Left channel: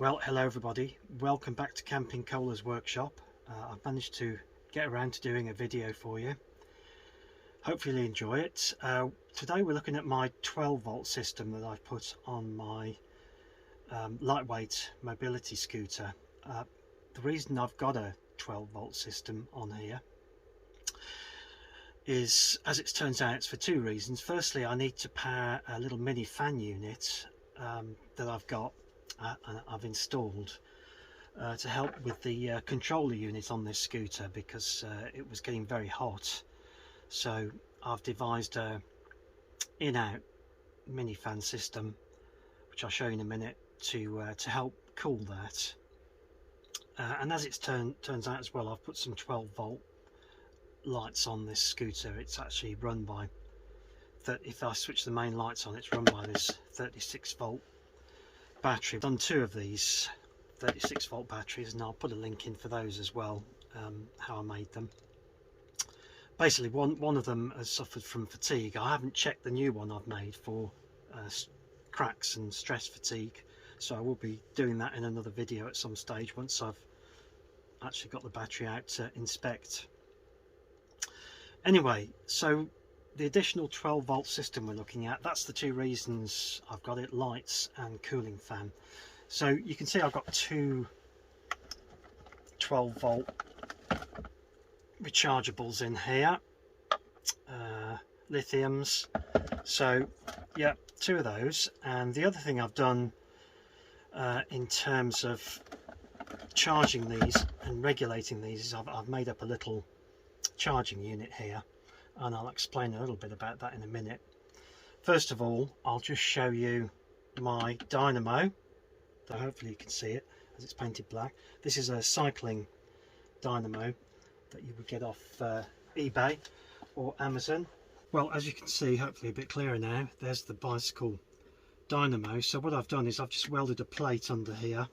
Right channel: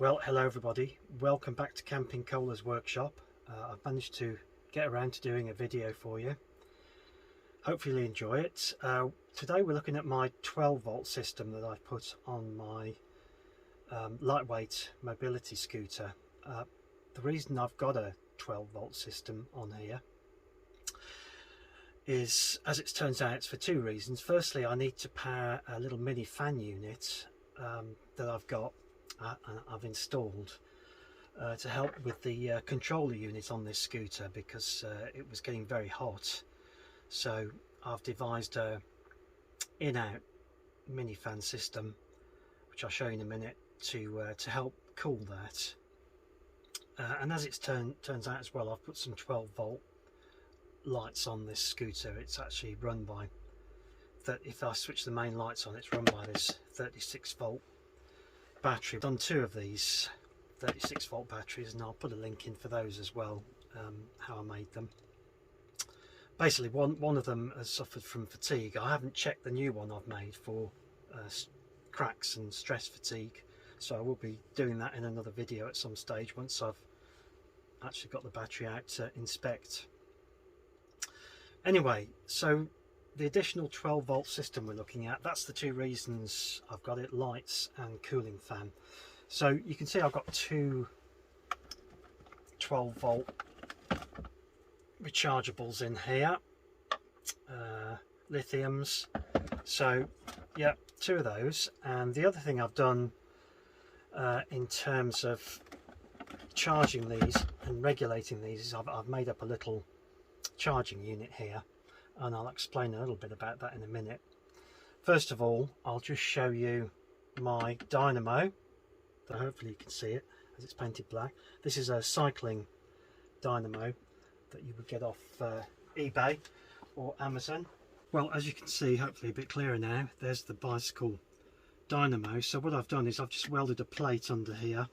Well, hello everybody, welcome back to Camping Cola's workshop. I've managed to get around to doing a video for you. Hopefully you enjoy it. Today we're looking at my 12-volt system that I've put on my lightweight mobility scooter. The reason I've got a 12-volt system on here is, as it turns out, it's for two reasons. Firstly, I need to power a little mini fan unit that I've got and I've installed to help with the controller unit on this scooter, because it was getting very hot. So I've devised a in-out mini fan system, which I'll show you in a minute, to help cool that. And as it turns out as well, I've put some 12-volt lights on this scooter. It's actually run by if I switch the main lights on, it's run by this 36-volt battery. I've done two of these 36-volt batteries, and I'll put a link in for those as well, how I made them. Basically, one of them has suffered from fatigue. I haven't checked the new one I've made for cracks and stress fatigue, so I will be doing that in another video at some stage once I've actually got the battery out to inspect. Anyway, so the additional 12-volt system we're looking at, that's the two reasons I've got it: lights and cooling fan. So you can see I've got two 12-volt rechargeables in here, lithiums. So yeah, two of those. And the other thing I've done in terms of charging these and regulating these is I've made up a little charging unit here, and I'll explain a little bit about that in a minute. First of all, I'll just show you my dynamo, so hopefully you can see it as it's painted black. This is a cycling dynamo that you would get off eBay or Amazon. Well, as you can see, hopefully a bit clearer now, there's the bicycle dynamo. So what I've done is I've just welded a plate under here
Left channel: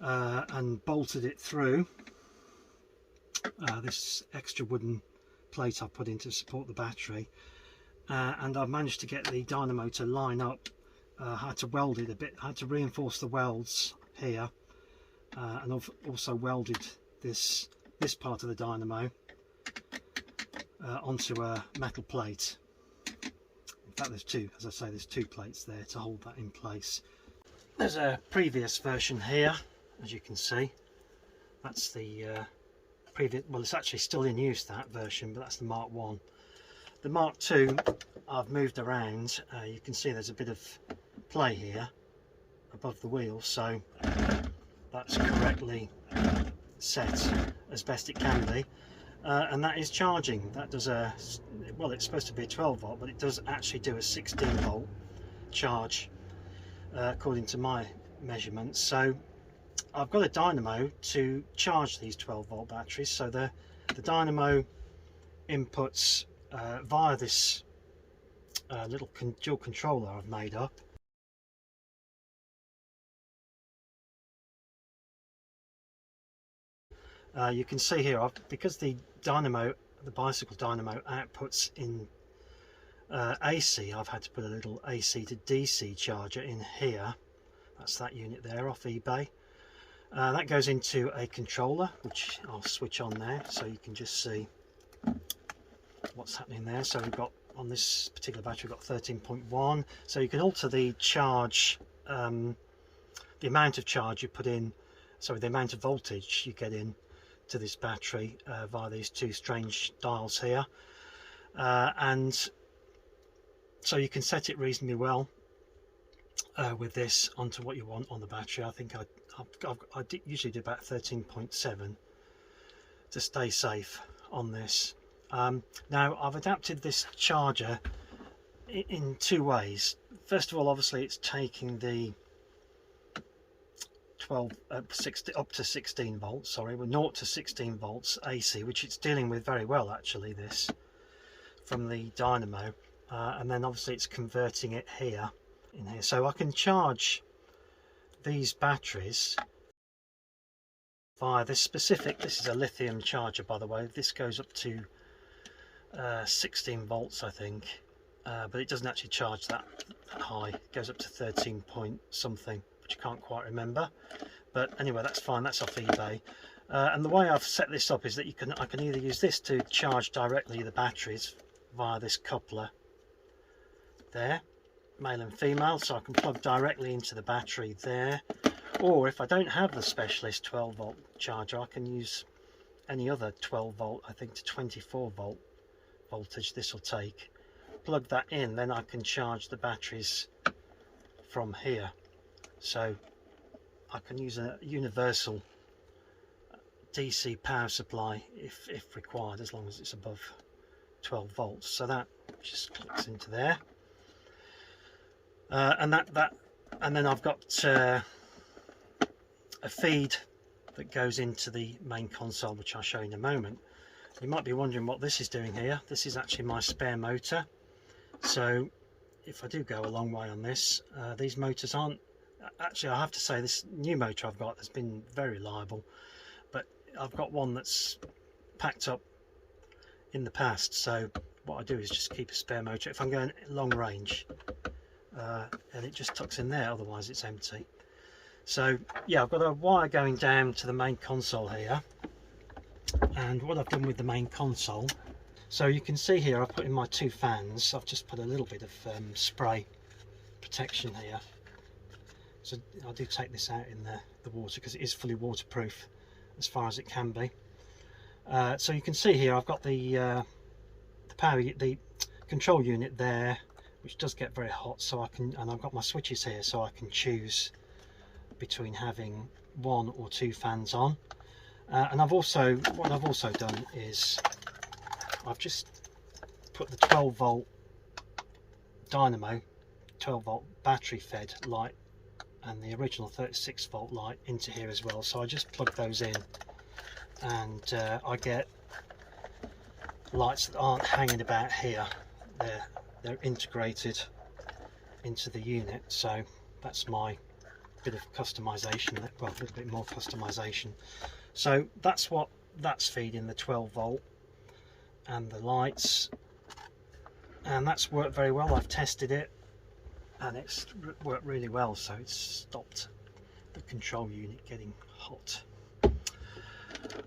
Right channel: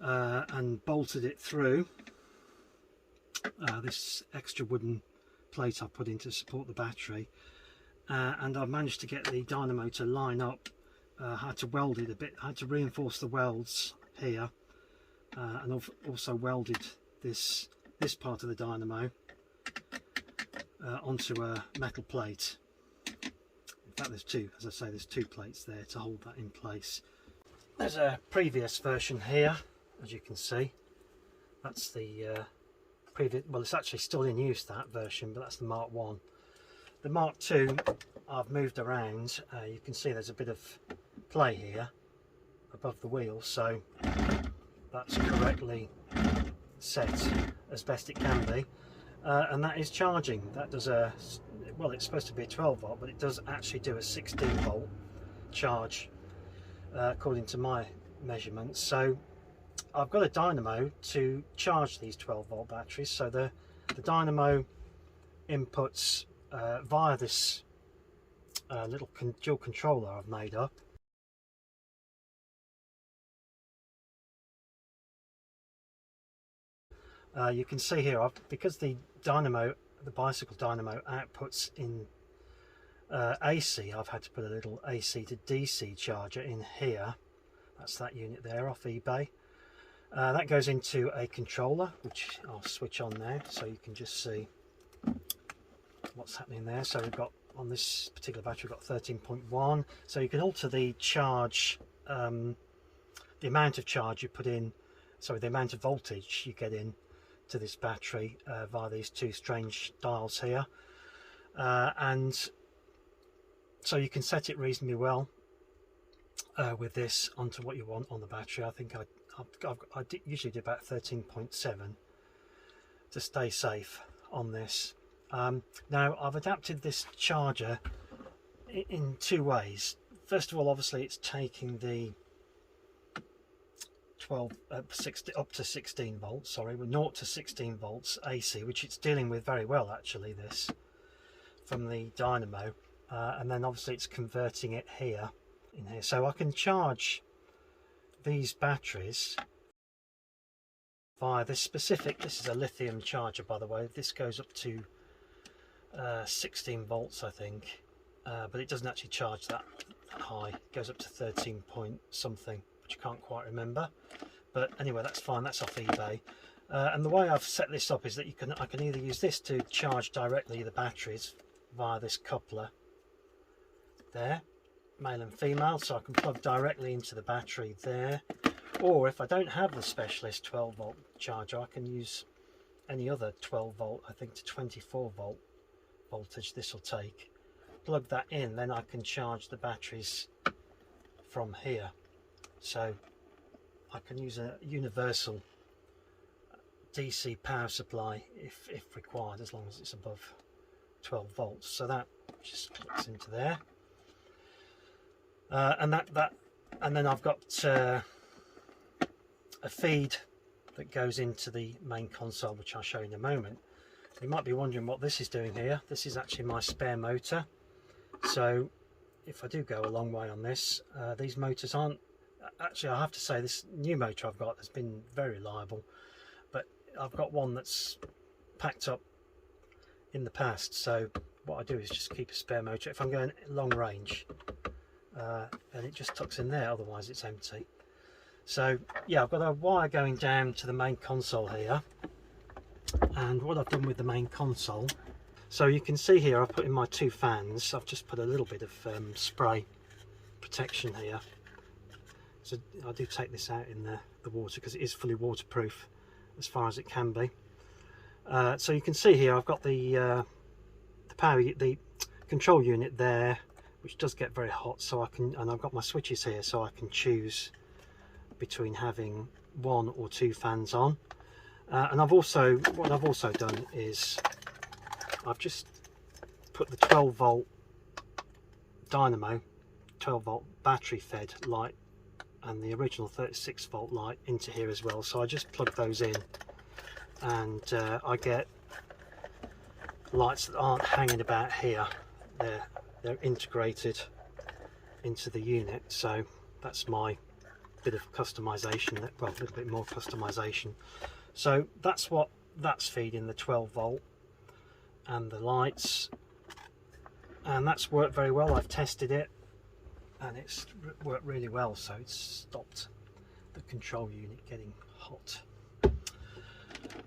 and bolted it through this extra wooden plate I put in to support the battery, and I've managed to get the dynamo to line up. I had to weld it a bit, I had to reinforce the welds here, and I've also welded this part of the dynamo onto a metal plate. In fact, there's two, as I say, there's two plates there to hold that in place. There's a previous version here, as you can see. That's the previous, well, it's actually still in use, that version, but that's the Mark 1. The Mark 2 I've moved around. You can see there's a bit of play here above the wheel, so that's correctly set as best it can be, and that is charging. That does well, it's supposed to be a 12-volt, but it does actually do a 16-volt charge according to my measurements. So I've got a dynamo to charge these 12-volt batteries. So the dynamo inputs via this little dual controller I've made up. You can see here, because the bicycle dynamo outputs in AC, I've had to put a little AC to DC charger in here. That's that unit there off eBay. That goes into a controller, which I'll switch on now so you can just see what's happening there. So we've got, on this particular battery, we've got 13.1, so you can alter the charge, the amount of charge you put in, sorry, the amount of voltage you get in to this battery via these two strange dials here, and so you can set it reasonably well with this onto what you want on the battery. I think I usually do about 13.7 to stay safe on this. Now I've adapted this charger in two ways. First of all, obviously it's taking the up to 16 volts, sorry, we're 0 to 16 volts AC, which it's dealing with very well actually, this from the dynamo, and then obviously it's converting it here in here, so I can charge these batteries via this specific, this is a lithium charger by the way. This goes up to 16 volts I think, but it doesn't actually charge that high. It goes up to 13 point something which I can't quite remember, but anyway, that's fine. That's off eBay. And the way I've set this up is that I can either use this to charge directly the batteries via this coupler there, male and female, so I can plug directly into the battery there. Or if I don't have the specialist 12 volt charger, I can use any other 12 volt, I think to 24 volt voltage this will take. Plug that in, then I can charge the batteries from here. So I can use a universal DC power supply if required, as long as it's above 12 volts. So that just clicks into there, and then I've got a feed that goes into the main console, which I'll show you in a moment. You might be wondering what this is doing here. This is actually my spare motor. So if I do go a long way on this, these motors aren't actually, I have to say, this new motor I've got has been very reliable, but I've got one that's packed up in the past. So what I do is just keep a spare motor if I'm going long range, and it just tucks in there, otherwise it's empty. So yeah, I've got a wire going down to the main console here, and what I've done with the main console, so you can see here I've put in my 2 fans. I've just put a little bit of spray protection here, so I do take this out in the water because it is fully waterproof as far as it can be. So you can see here I've got the control unit there, which does get very hot, so I can, and I've got my switches here so I can choose between having 1 or 2 fans on. And what I've also done is I've just put the 12 volt dynamo, 12 volt battery fed light, and the original 36 volt light into here as well. So I just plug those in, and I get lights that aren't hanging about here. They're integrated into the unit. So that's my bit of customization, well, a little bit more customization. So that's feeding the 12 volt and the lights, and that's worked very well. I've tested it and it's worked really well, so it's stopped the control unit getting hot.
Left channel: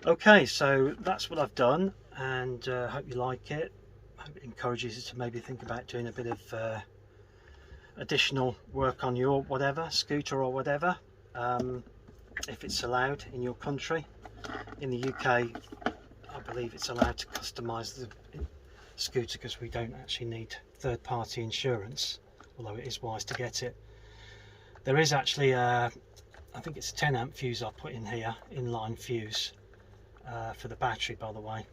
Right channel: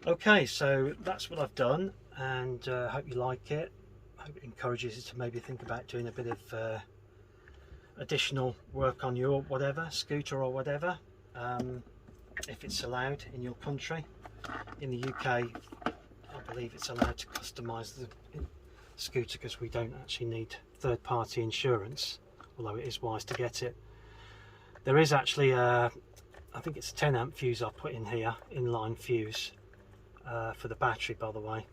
Okay, so that's what I've done, and hope you like it. Hope it encourages you to maybe think about doing a bit of additional work on your scooter or whatever, if it's allowed in your country. In the UK, I believe it's allowed to customise the scooter because we don't actually need third-party insurance, although it is wise to get it. There is actually I think it's a 10 amp fuse I've put in here, inline fuse, for the battery, by the way.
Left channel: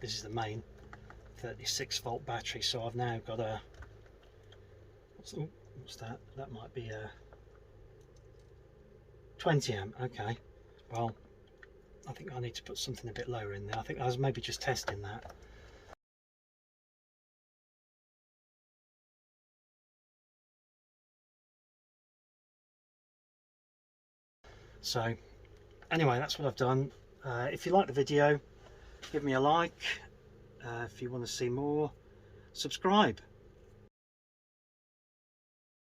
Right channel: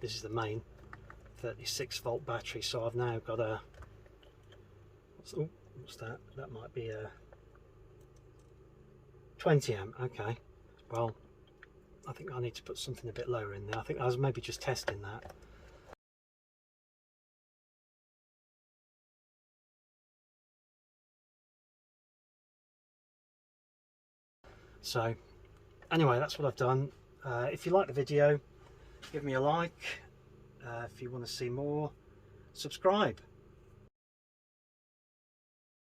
This is the main 36 volt battery, so I've now got a, what's that? That might be a 20 amp. Okay, well, I think I need to put something a bit lower in there. I think I was maybe just testing that. So anyway, that's what I've done. If you like the video, give me a like. If you want to see more, subscribe.